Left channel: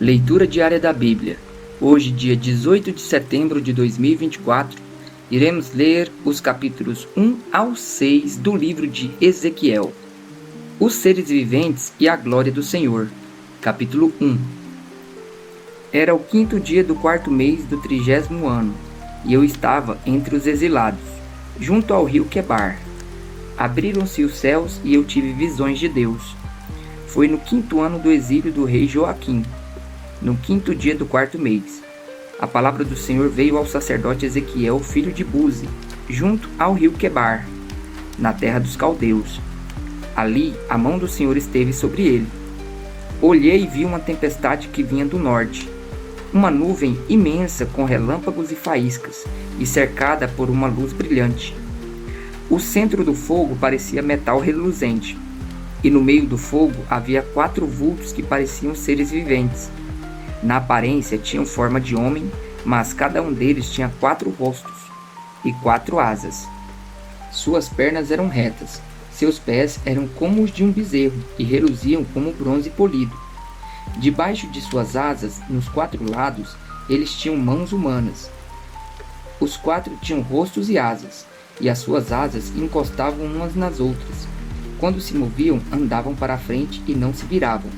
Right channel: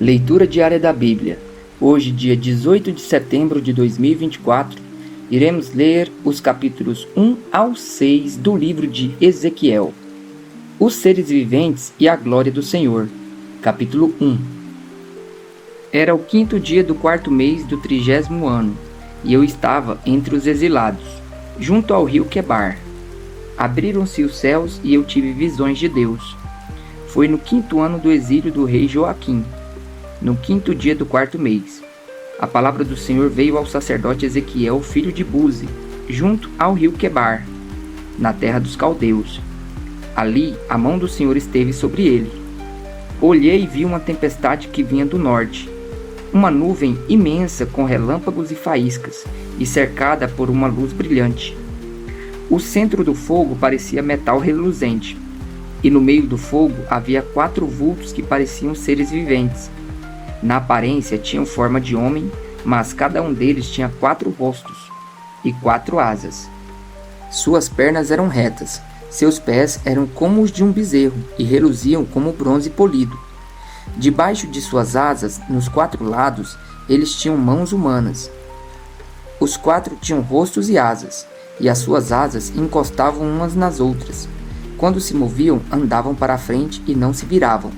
Leitura diária da Bíblia. Hoje, dia 18 de setembro de 2024, iremos ler os capítulos 1 ao 6 do livro de Ezequiel. Os seres viventes e a glória do Senhor. Capítulo 1. Era o 5º dia do 4º mês do 30º ano, e eu estava entre os exilados, junto ao rio Quebar. Abriram-se os céus e eu tive visões de Deus. Foi no 5º ano do exílio do rei Joaquim, no 5º dia do 4º mês. A palavra do Senhor veio ao sacerdote Ezequiel, filho de Buzi, junto ao rio Quebar, na terra dos caldeus. Ali a mão do Senhor esteve sobre ele. Olhei e vi uma tempestade que vinha do norte, uma nuvem imensa com relâmpagos e faíscas, e cercada por uma luz brilhante. O centro do fogo parecia metal reluzente, e no meio do fogo havia 4 vultos que pareciam seres viventes. Na aparência tinham forma de homem, mas cada um deles tinha 4 rostos e 4 asas. Suas pernas eram retas, seus pés eram como os de um bezerro e reluziam como bronze polido. Debaixo de suas asas, nos 4 lados, eles tinham mãos humanas. Os 4 tinham rostos e asas, e as suas asas encostavam umas nas outras. Quando se moviam, andavam para a frente e não se viravam.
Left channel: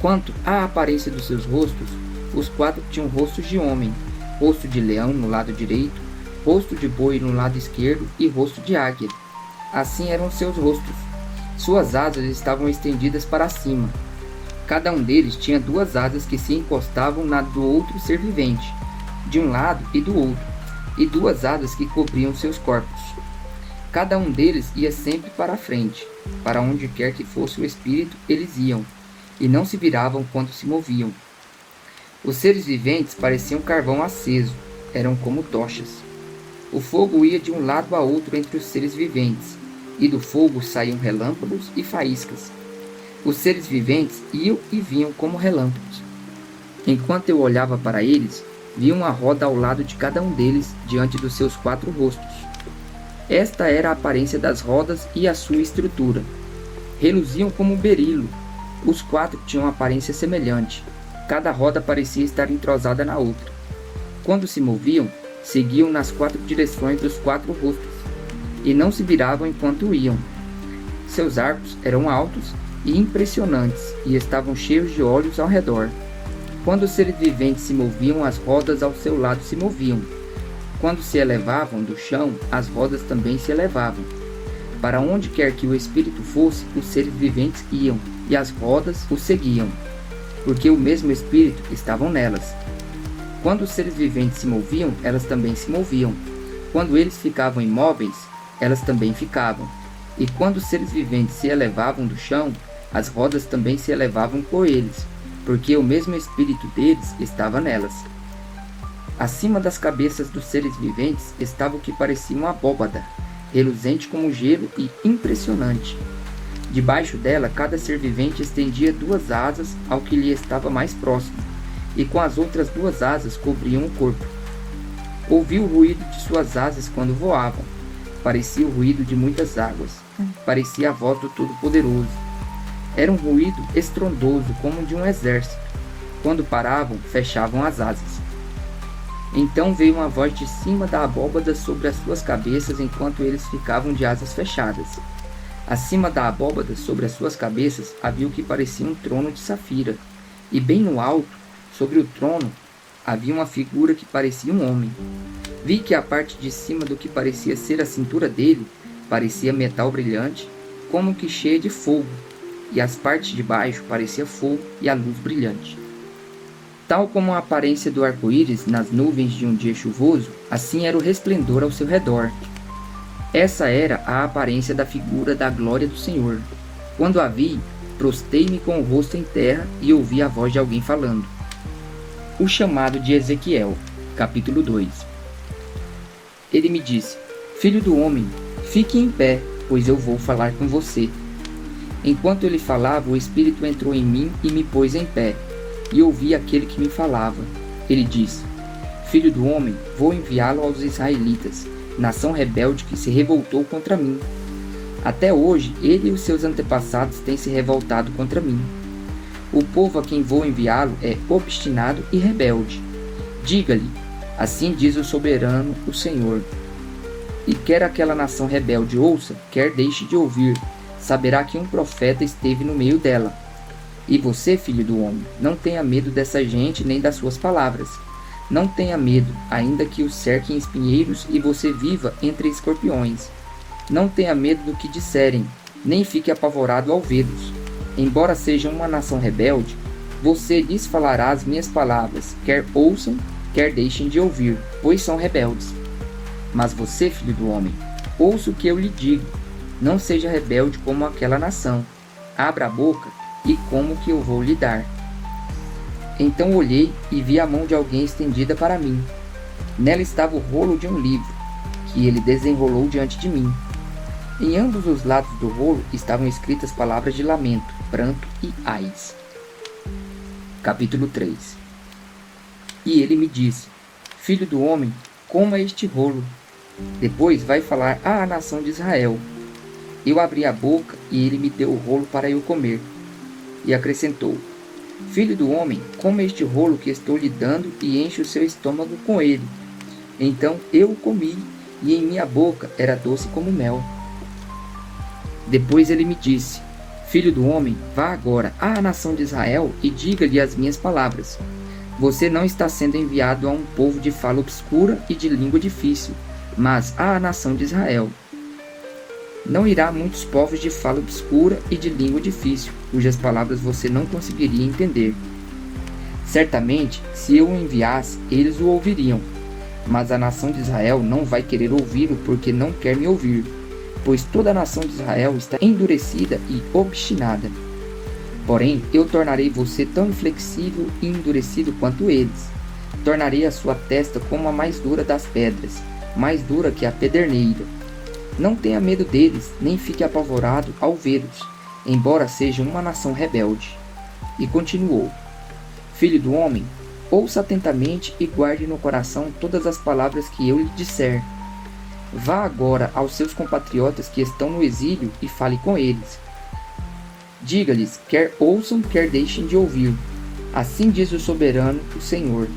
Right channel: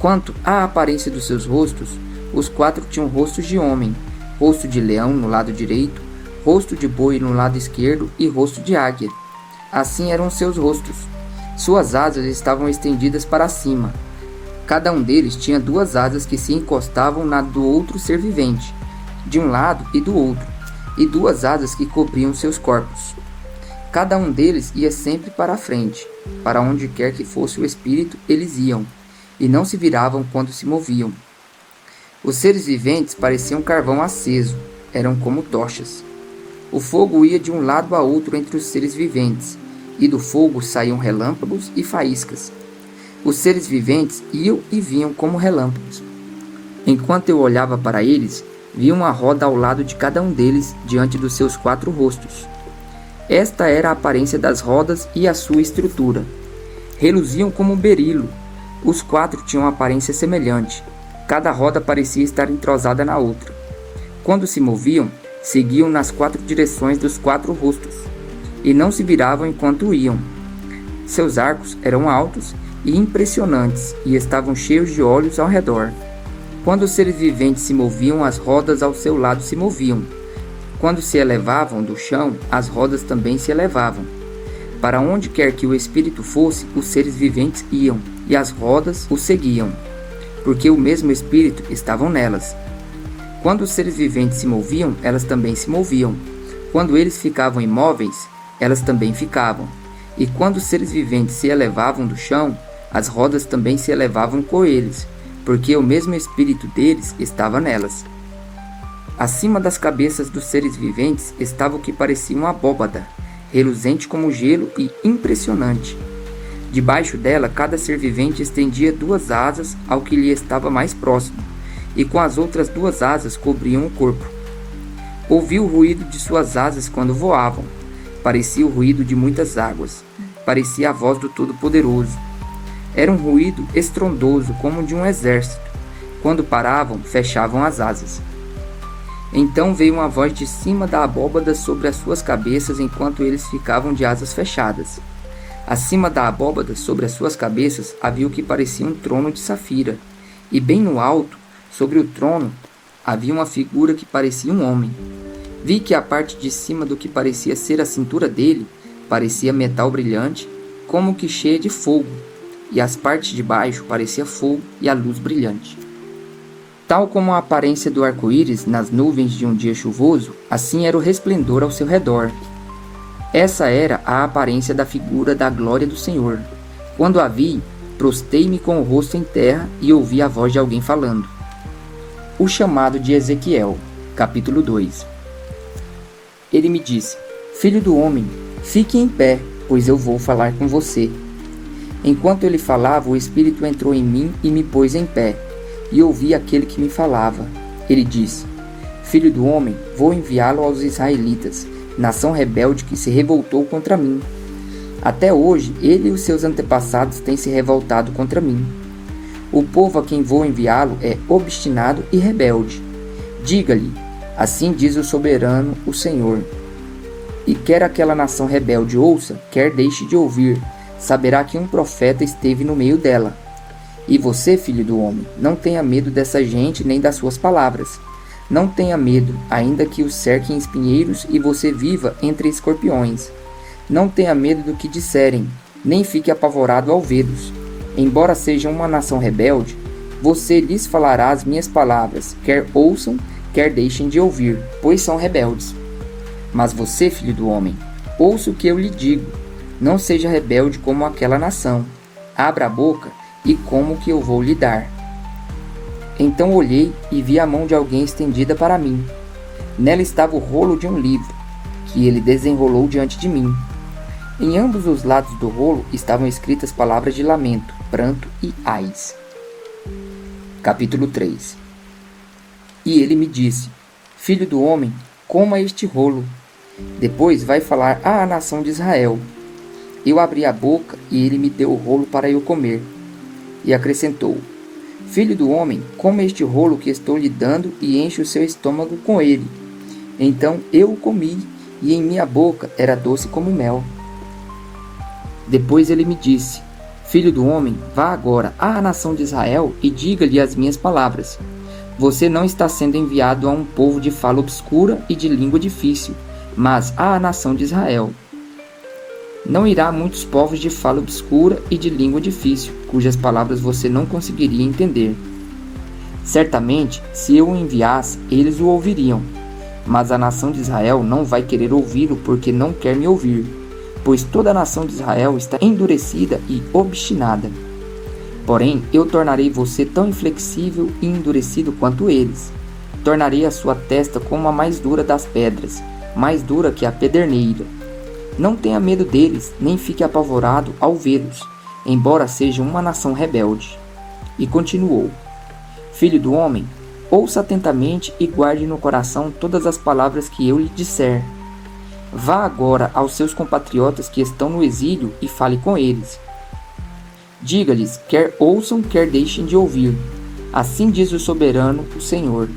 Quanto à aparência dos seus rostos, os 4 tinham rostos de homem, rosto de leão no lado direito, rosto de boi no lado esquerdo e rosto de águia. Assim eram seus rostos. Suas asas estavam estendidas para cima. Cada um deles tinha 2 asas que se encostavam na do outro ser vivente, de um lado e do outro, e 2 asas que cobriam seus corpos. Cada um deles ia sempre para a frente. Para onde quer que fosse o espírito, eles iam, e não se viravam quando se moviam. Os seres viventes pareciam carvão aceso, eram como tochas. O fogo ia de um lado a outro entre os seres viventes, e do fogo saíam relâmpagos e faíscas. Os seres viventes iam e vinham como relâmpagos. Enquanto eu olhava para eles, vi uma roda ao lado de cada um deles, diante dos seus 4 rostos. Esta era a aparência das rodas e a sua estrutura. Reluziam como berilo. Os 4 tinham aparência semelhante. Cada roda parecia estar entrosada na outra. Quando se moviam, seguiam nas 4 direções dos 4 rostos, e não se viravam enquanto iam. Seus arcos eram altos e impressionantes, e estavam cheios de olhos ao redor. Quando os seres viventes se moviam, as rodas ao seu lado se moviam. Quando se elevavam do chão, as rodas também se elevavam. Para onde quer que o espírito fosse, os seres viventes iam, e as rodas o seguiam, porque o mesmo espírito estava nelas. Quando os seres viventes se moviam, elas também se moviam. Quando eles ficavam imóveis, elas também ficavam. E quando os seres viventes se elevavam do chão, as rodas também se elevavam com eles, porque o mesmo espírito deles estava nelas. Acima das cabeças dos seres viventes estava o que parecia uma abóbada, reluzente como gelo e impressionante. Debaixo dela, cada ser vivente estendia 2 asas ao que lhe estava mais próximo, e com as outras 2 asas cobriam o corpo. Ouvi o ruído de suas asas quando voavam. Parecia o ruído de muitas águas. Parecia a voz do Todo-Poderoso. Era um ruído estrondoso como de um exército. Quando paravam, fechavam as asas. Então veio uma voz de cima da abóbada sobre as suas cabeças enquanto eles ficavam de asas fechadas. Acima da abóbada, sobre as suas cabeças, havia o que parecia um trono de safira, e bem no alto, sobre o trono, havia uma figura que parecia um homem. Vi que a parte de cima do que parecia ser a cintura dele, parecia metal brilhante, como que cheia de fogo, e as partes de baixo parecia fogo e a luz brilhante. Tal como a aparência do arco-íris nas nuvens de um dia chuvoso, assim era o resplendor ao seu redor. Essa era a aparência da figura da glória do Senhor. Quando a vi, prostei-me com o rosto em terra e ouvi a voz de alguém falando. O chamado de Ezequiel, capítulo 2. Ele me disse: Filho do homem, fique em pé, pois eu vou falar com você. Enquanto ele falava, o Espírito entrou em mim e me pôs em pé, e ouvi aquele que me falava. Ele disse: Filho do homem, vou enviá-lo aos israelitas, nação rebelde que se revoltou contra mim. Até hoje, ele e os seus antepassados têm se revoltado contra mim. O povo a quem vou enviá-lo é obstinado e rebelde. Diga-lhe, assim diz o soberano, o Senhor. E quer aquela nação rebelde ouça, quer deixe de ouvir, saberá que um profeta esteve no meio dela. E você, filho do homem, não tenha medo dessa gente nem das suas palavras. Não tenha medo, ainda que o cerquem espinheiros e você viva entre escorpiões. Não tenha medo do que disserem, nem fique apavorado ao vê-los. Embora sejam uma nação rebelde, você lhes falará as minhas palavras, quer ouçam, quer deixem de ouvir, pois são rebeldes. Mas você, filho do homem, ouça o que eu lhe digo. Não seja rebelde como aquela nação. Abra a boca e coma o que eu vou lhe dar. Então olhei e vi a mão de alguém estendida para mim. Nela estava o rolo de um livro, que ele desenrolou diante de mim. Em ambos os lados do rolo estavam escritas palavras de lamento, pranto e ais. Capítulo 3. E ele me disse, filho do homem, coma este rolo. Depois vai falar à nação de Israel. Eu abri a boca e ele me deu o rolo para eu comer. E acrescentou, filho do homem, coma este rolo que estou lhe dando e enche o seu estômago com ele. Então eu o comi e em minha boca era doce como mel. Depois ele me disse, filho do homem, vá agora à nação de Israel e diga-lhe as minhas palavras. Você não está sendo enviado a um povo de fala obscura e de língua difícil, mas à nação de Israel. Não irá muitos povos de fala obscura e de língua difícil, cujas palavras você não conseguiria entender. Certamente, se eu o enviasse, eles o ouviriam, mas a nação de Israel não vai querer ouvi-lo porque não quer me ouvir, pois toda a nação de Israel está endurecida e obstinada. Porém, eu tornarei você tão inflexível e endurecido quanto eles. Tornarei a sua testa como a mais dura das pedras, mais dura que a pederneira. Não tenha medo deles, nem fique apavorado ao vê-los, embora sejam uma nação rebelde. E continuou, filho do homem, ouça atentamente e guarde no coração todas as palavras que eu lhe disser. Vá agora aos seus compatriotas que estão no exílio e fale com eles. Diga-lhes, quer ouçam, quer deixem de ouvir. Assim diz o soberano, o Senhor.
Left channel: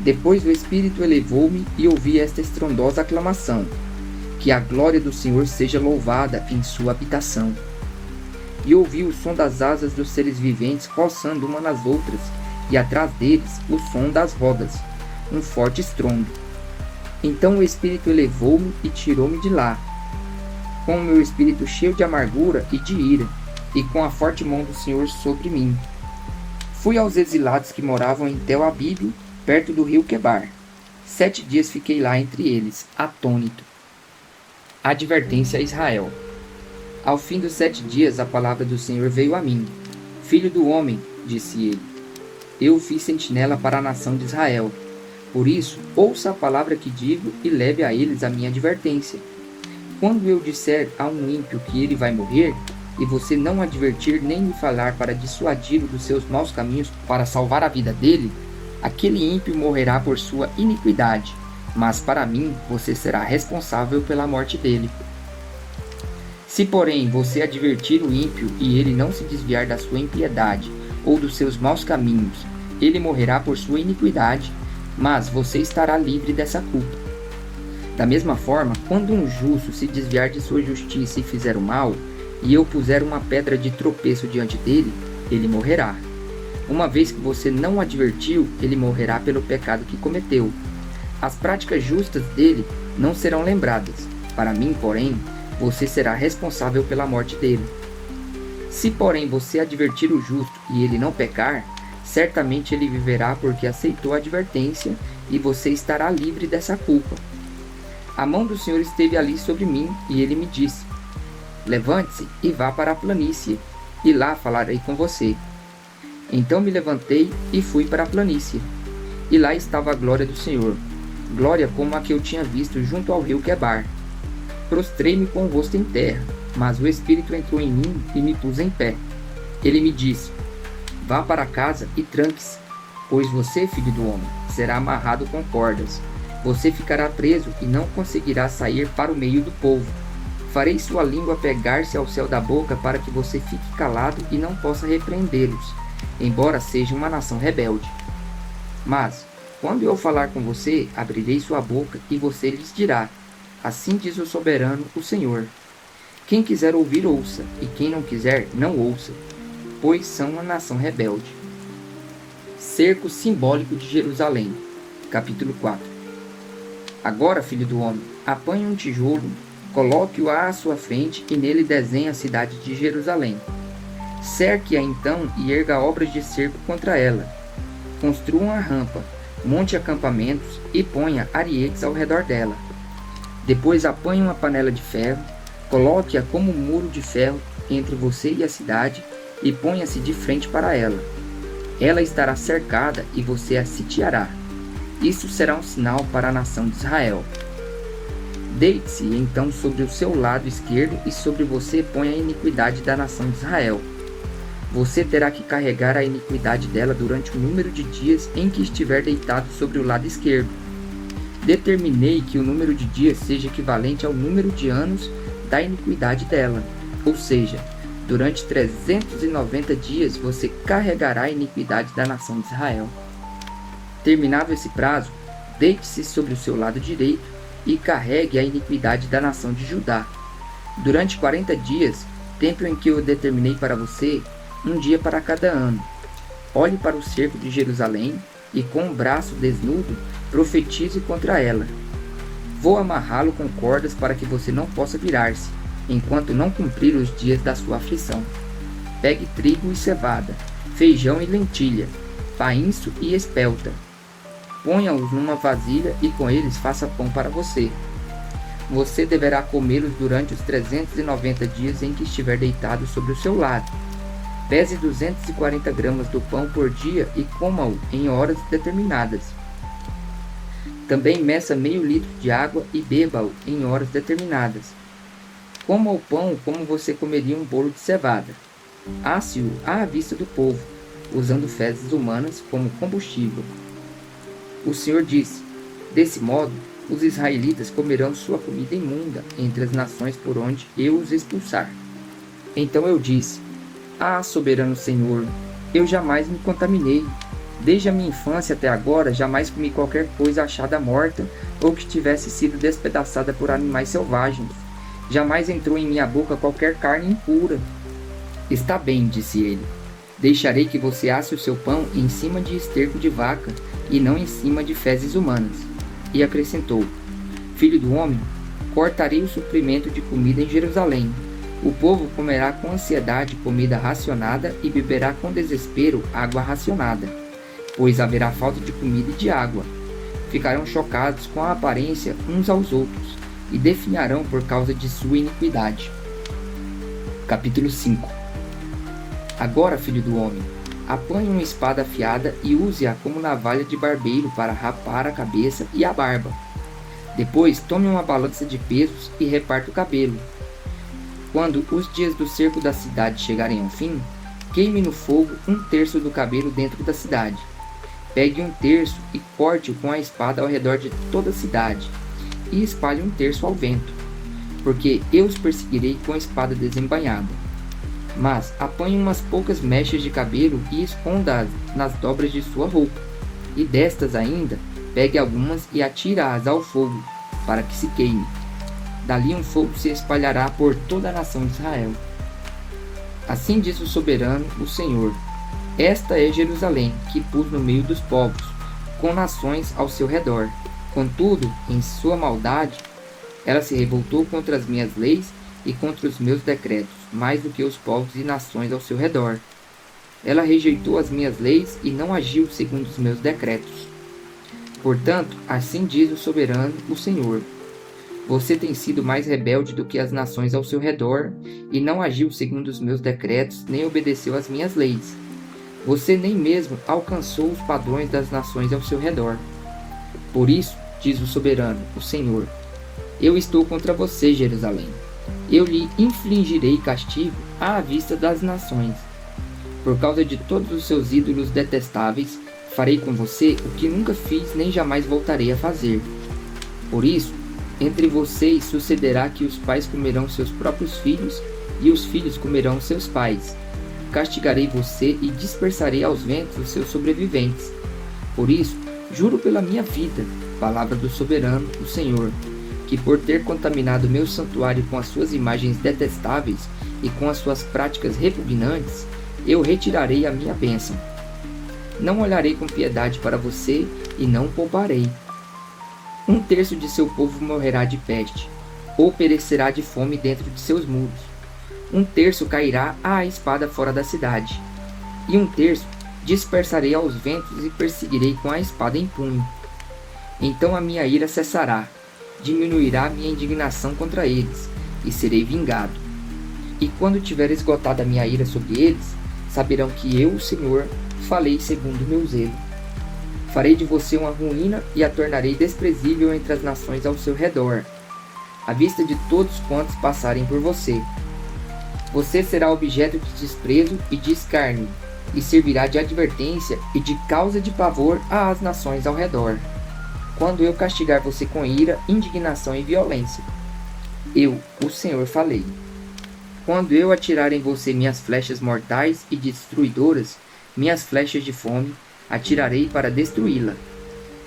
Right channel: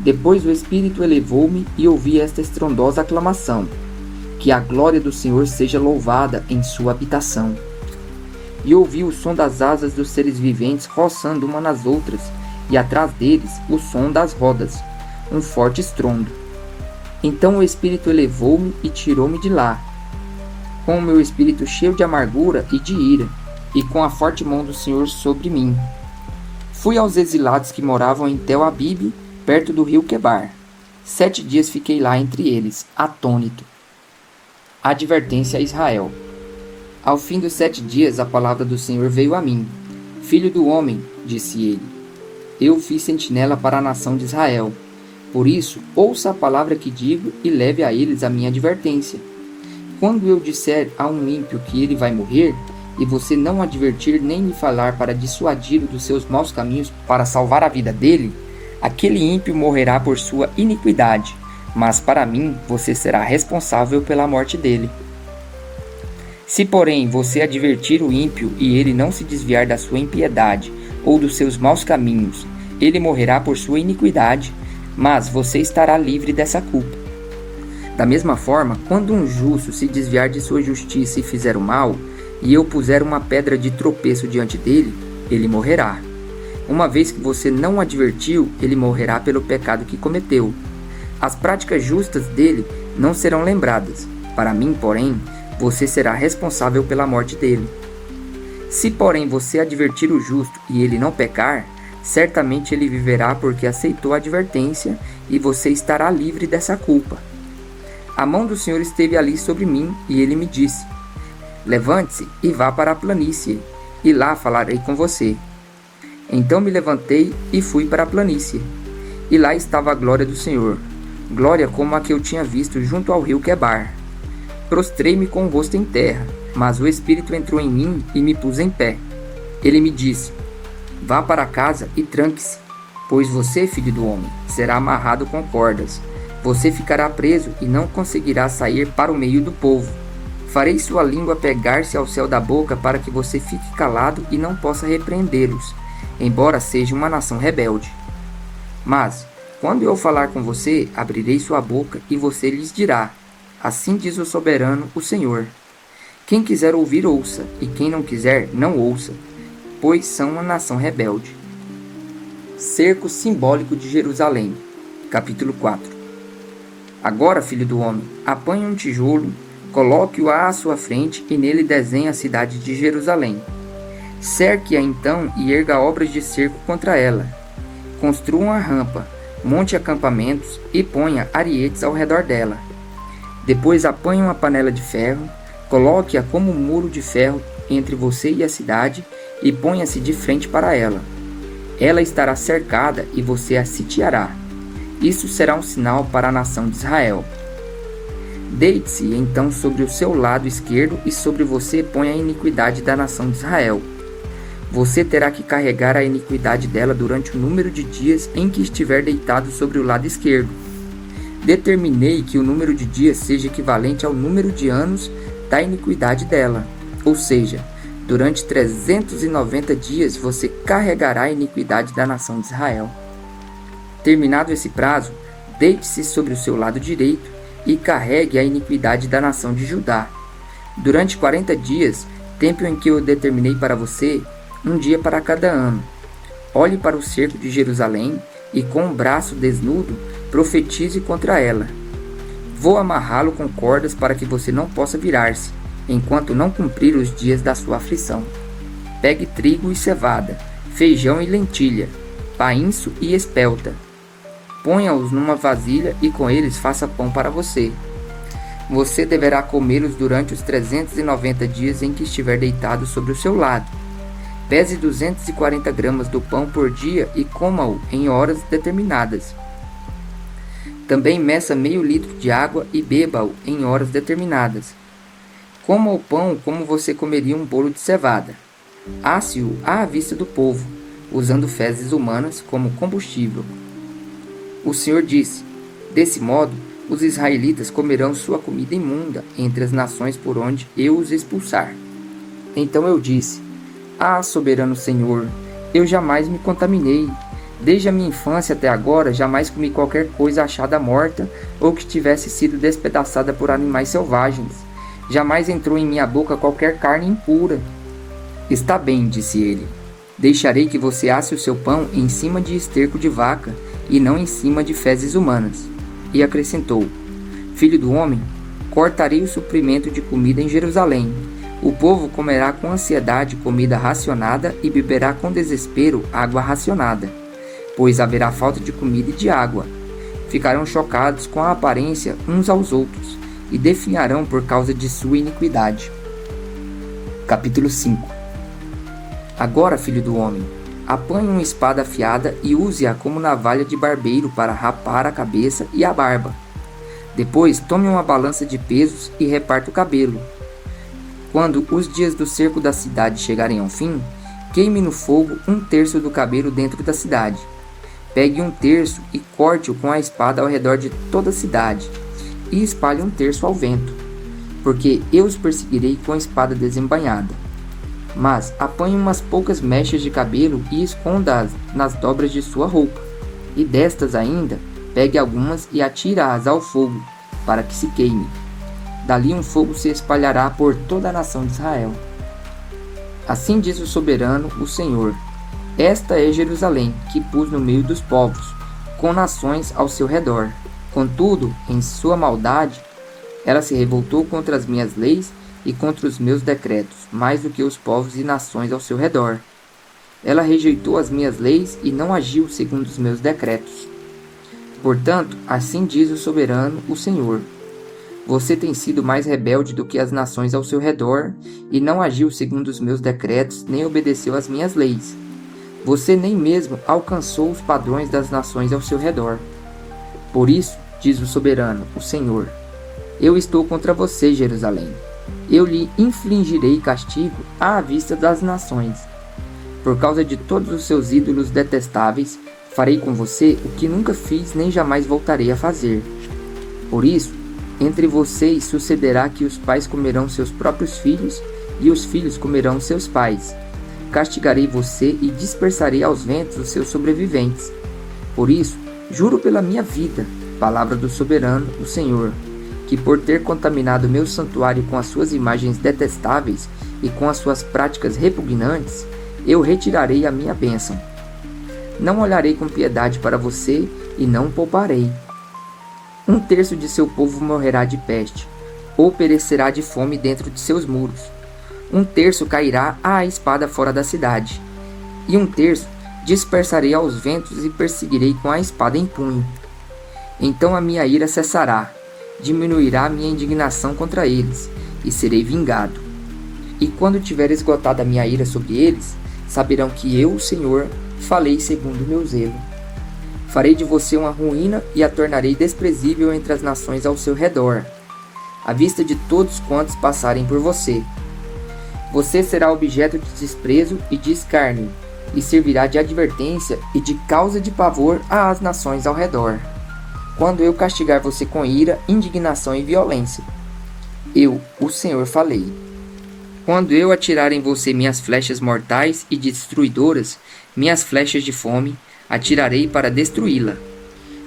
Depois o Espírito elevou-me e ouvi esta estrondosa aclamação. Que a glória do Senhor seja louvada em sua habitação. E ouvi o som das asas dos seres viventes roçando uma nas outras, e atrás deles o som das rodas, um forte estrondo. Então o Espírito elevou-me e tirou-me de lá, com o meu espírito cheio de amargura e de ira, e com a forte mão do Senhor sobre mim. Fui aos exilados que moravam em Tel-Abibe, perto do rio Quebar. 7 dias fiquei lá entre eles, atônito. Advertência a Israel. Ao fim dos 7 dias a palavra do Senhor veio a mim. Filho do homem, disse ele, eu fiz sentinela para a nação de Israel. Por isso, ouça a palavra que digo e leve a eles a minha advertência. Quando eu disser a um ímpio que ele vai morrer, e você não advertir nem lhe falar para dissuadi-lo dos seus maus caminhos para salvar a vida dele, aquele ímpio morrerá por sua iniquidade, mas para mim você será responsável pela morte dele. Se, porém, você advertir o ímpio e ele não se desviar da sua impiedade ou dos seus maus caminhos, ele morrerá por sua iniquidade, mas você estará livre dessa culpa. Da mesma forma, quando um justo se desviar de sua justiça e fizer o mal, e eu puser uma pedra de tropeço diante dele, ele morrerá. Uma vez que você não o advertiu, ele morrerá pelo pecado que cometeu. As práticas justas dele não serão lembradas. Para mim, porém, você será responsável pela morte dele. Se, porém, você advertir o justo e ele não pecar, certamente ele viverá porque aceitou a advertência e você estará livre dessa culpa. A mão do Senhor esteve ali sobre mim e ele me disse, levante-se e vá para a planície, e lá falarei com você. Então me levantei e fui para a planície, e lá estava a glória do Senhor, glória como a que eu tinha visto junto ao rio Quebar. Prostrei-me com o rosto em terra, mas o Espírito entrou em mim e me pus em pé. Ele me disse, vá para casa e tranque-se, pois você, filho do homem, será amarrado com cordas. Você ficará preso e não conseguirá sair para o meio do povo. Farei sua língua pegar-se ao céu da boca para que você fique calado e não possa repreendê-los. embora seja uma nação rebelde. Mas, quando eu falar com você, abrirei sua boca e você lhes dirá: assim diz o soberano, o Senhor. Quem quiser ouvir, ouça, e quem não quiser, não ouça, pois são uma nação rebelde. Cerco simbólico de Jerusalém. Capítulo 4. Agora, filho do homem, apanhe um tijolo, coloque-o à sua frente e nele desenhe a cidade de Jerusalém. Cerque-a então e erga obras de cerco contra ela. Construa uma rampa, monte acampamentos e ponha arietes ao redor dela. Depois apanhe uma panela de ferro, coloque-a como um muro de ferro entre você e a cidade e ponha-se de frente para ela. Ela estará cercada e você a sitiará. Isso será um sinal para a nação de Israel. Deite-se então sobre o seu lado esquerdo e sobre você ponha a iniquidade da nação de Israel. Você terá que carregar a iniquidade dela durante o número de dias em que estiver deitado sobre o lado esquerdo. Determinei que o número de dias seja equivalente ao número de anos da iniquidade dela, ou seja, durante 390 dias você carregará a iniquidade da nação de Israel. Terminado esse prazo, deite-se sobre o seu lado direito e carregue a iniquidade da nação de Judá. Durante 40 dias, tempo em que eu determinei para você, um dia para cada ano. Olhe para o cerco de Jerusalém e com o braço desnudo profetize contra ela. Vou amarrá-lo com cordas para que você não possa virar-se, enquanto não cumprir os dias da sua aflição. Pegue trigo e cevada, feijão e lentilha, painço e espelta. Ponha-os numa vasilha e com eles faça pão para você. Você deverá comê-los durante os 390 dias em que estiver deitado sobre o seu lado. Pese 240 gramas do pão por dia e coma-o em horas determinadas. Também meça meio litro de água e beba-o em horas determinadas. Coma o pão como você comeria um bolo de cevada. Asse-o à vista do povo, usando fezes humanas como combustível. O Senhor disse: desse modo, os israelitas comerão sua comida imunda entre as nações por onde eu os expulsar. Então eu disse: ah, soberano Senhor, eu jamais me contaminei. Desde a minha infância até agora, jamais comi qualquer coisa achada morta ou que tivesse sido despedaçada por animais selvagens. Jamais entrou em minha boca qualquer carne impura. Está bem, disse ele. Deixarei que você asse o seu pão em cima de esterco de vaca e não em cima de fezes humanas. E acrescentou: filho do homem, cortarei o suprimento de comida em Jerusalém. O povo comerá com ansiedade comida racionada e beberá com desespero água racionada, pois haverá falta de comida e de água. Ficarão chocados com a aparência uns aos outros e definharão por causa de sua iniquidade. Capítulo 5. Agora, filho do homem, apanhe uma espada afiada e use-a como navalha de barbeiro para rapar a cabeça e a barba. Depois, tome uma balança de pesos e reparta o cabelo. Quando os dias do cerco da cidade chegarem ao fim, queime no fogo 1/3 do cabelo dentro da cidade. Pegue 1/3 e corte-o com a espada ao redor de toda a cidade, e espalhe 1/3 ao vento, porque eu os perseguirei com a espada desembainhada. Mas apanhe umas poucas mechas de cabelo e esconda-as nas dobras de sua roupa, e destas ainda, pegue algumas e atire-as ao fogo, para que se queime. Dali um fogo se espalhará por toda a nação de Israel. Assim diz o soberano, o Senhor: esta é Jerusalém, que pus no meio dos povos, com nações ao seu redor. Contudo, em sua maldade, ela se revoltou contra as minhas leis e contra os meus decretos, mais do que os povos e nações ao seu redor. Ela rejeitou as minhas leis e não agiu segundo os meus decretos. Portanto, assim diz o soberano, o Senhor: você tem sido mais rebelde do que as nações ao seu redor, e não agiu segundo os meus decretos, nem obedeceu às minhas leis. Você nem mesmo alcançou os padrões das nações ao seu redor. Por isso, diz o soberano, o Senhor: eu estou contra você, Jerusalém. Eu lhe infligirei castigo à vista das nações. Por causa de todos os seus ídolos detestáveis, farei com você o que nunca fiz nem jamais voltarei a fazer. Por isso, entre vocês sucederá que os pais comerão seus próprios filhos e os filhos comerão seus pais. castigarei você e dispersarei aos ventos os seus sobreviventes. Por isso, juro pela minha vida, palavra do soberano, o Senhor, que por ter contaminado meu santuário com as suas imagens detestáveis e com as suas práticas repugnantes, eu retirarei a minha bênção. Não olharei com piedade para você e não o pouparei. 1/3 de seu povo morrerá de peste, ou perecerá de fome dentro de seus muros. 1/3 cairá à espada fora da cidade, e 1/3 dispersarei aos ventos e perseguirei com a espada em punho. Então a minha ira cessará, diminuirá a minha indignação contra eles, e serei vingado. E quando tiver esgotado a minha ira sobre eles, saberão que eu, o Senhor, falei segundo o meu zelo. Farei de você uma ruína e a tornarei desprezível entre as nações ao seu redor, à vista de todos quantos passarem por você. Você será objeto de desprezo e de escárnio, e servirá de advertência e de causa de pavor às nações ao redor, quando eu castigar você com ira, indignação e violência. Eu, o Senhor, falei. Quando eu atirar em você minhas flechas mortais e destruidoras, minhas flechas de fome, atirarei para destruí-la.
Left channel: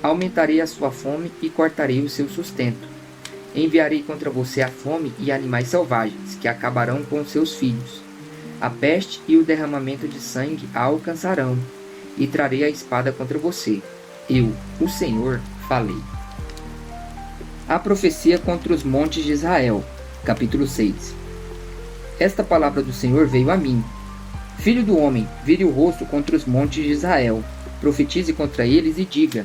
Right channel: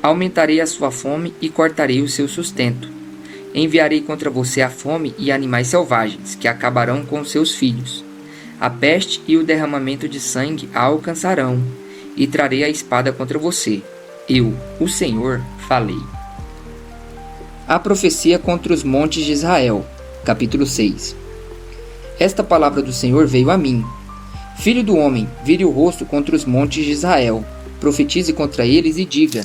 Aumentarei a sua fome e cortarei o seu sustento. Enviarei contra você a fome e animais selvagens, que acabarão com seus filhos. A peste e o derramamento de sangue a alcançarão, e trarei a espada contra você. Eu, o Senhor, falei. A profecia contra os montes de Israel, capítulo 6. Esta palavra do Senhor veio a mim. Filho do homem, vire o rosto contra os montes de Israel, profetize contra eles e diga:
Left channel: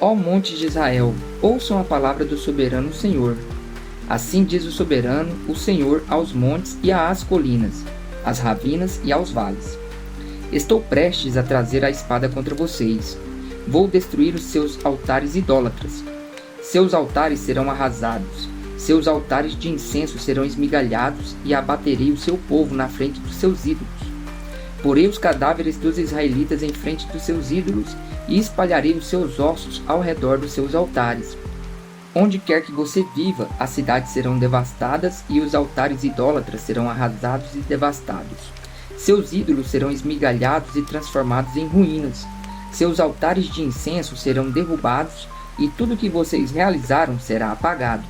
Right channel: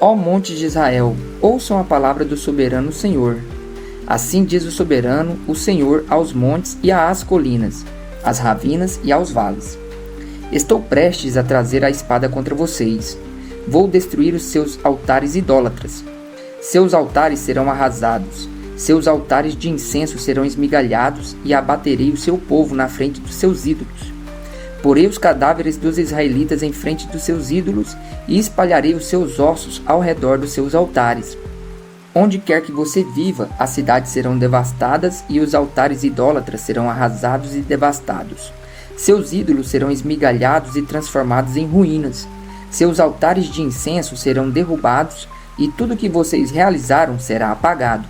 Ó montes de Israel, ouçam a palavra do soberano Senhor. Assim diz o soberano, o Senhor, aos montes e às colinas, às ravinas e aos vales. Estou prestes a trazer a espada contra vocês. Vou destruir os seus altares idólatras. Seus altares serão arrasados. Seus altares de incenso serão esmigalhados e abaterei o seu povo na frente dos seus ídolos. Porei os cadáveres dos israelitas em frente dos seus ídolos e espalharei os seus ossos ao redor dos seus altares. Onde quer que você viva, as cidades serão devastadas e os altares idólatras serão arrasados e devastados. Seus ídolos serão esmigalhados e transformados em ruínas. Seus altares de incenso serão derrubados e tudo que vocês realizaram será apagado.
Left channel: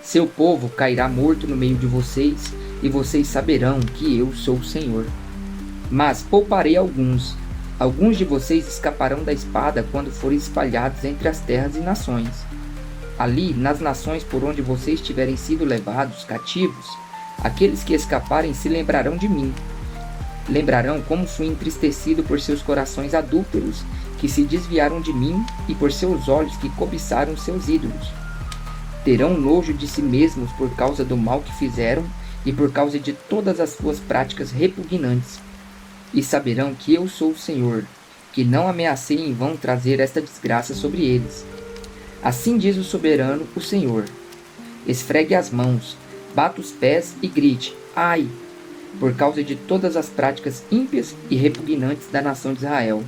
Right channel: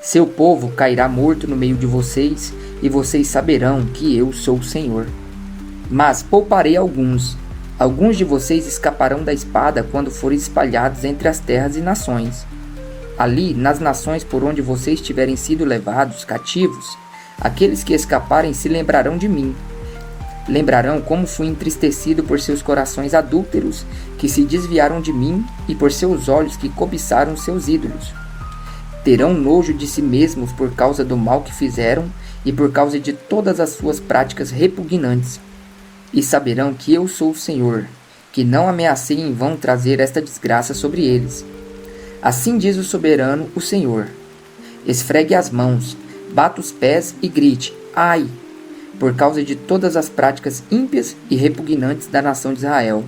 Seu povo cairá morto no meio de vocês, e vocês saberão que eu sou o Senhor. Mas pouparei alguns. Alguns de vocês escaparão da espada quando forem espalhados entre as terras e nações. Ali, nas nações por onde vocês tiverem sido levados cativos, aqueles que escaparem se lembrarão de mim. Lembrarão como fui entristecido por seus corações adúlteros, que se desviaram de mim, e por seus olhos que cobiçaram seus ídolos. Terão nojo de si mesmos por causa do mal que fizeram e por causa de todas as suas práticas repugnantes. E saberão que eu sou o Senhor, que não ameacei em vão trazer esta desgraça sobre eles. Assim diz o soberano, o Senhor. Esfregue as mãos, bata os pés e grite: ai! Por causa de todas as práticas ímpias e repugnantes da nação de Israel,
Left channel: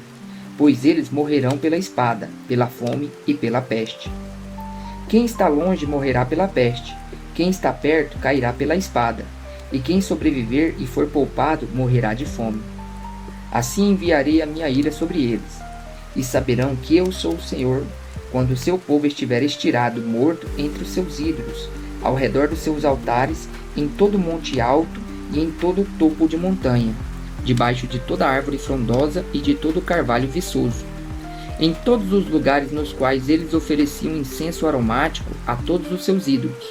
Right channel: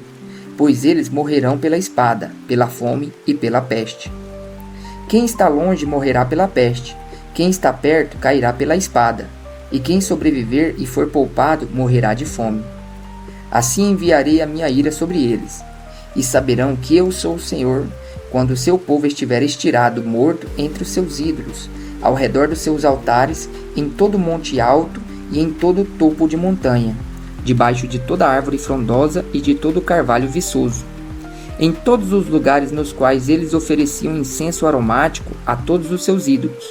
pois eles morrerão pela espada, pela fome e pela peste. Quem está longe morrerá pela peste, quem está perto cairá pela espada, e quem sobreviver e for poupado morrerá de fome. Assim enviarei a minha ira sobre eles, e saberão que eu sou o Senhor, quando o seu povo estiver estirado, morto entre os seus ídolos, ao redor dos seus altares, em todo monte alto e em todo topo de montanha, debaixo de toda árvore frondosa e de todo carvalho viçoso. Em todos os lugares nos quais eles ofereciam incenso aromático a todos os seus ídolos.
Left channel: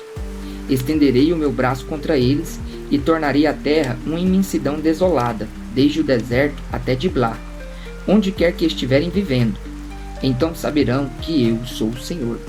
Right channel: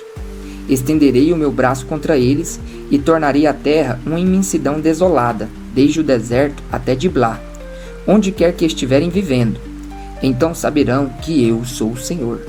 Estenderei o meu braço contra eles e tornarei a terra uma imensidão desolada, desde o deserto até Diblá, onde quer que estiverem vivendo. Então saberão que eu sou o Senhor.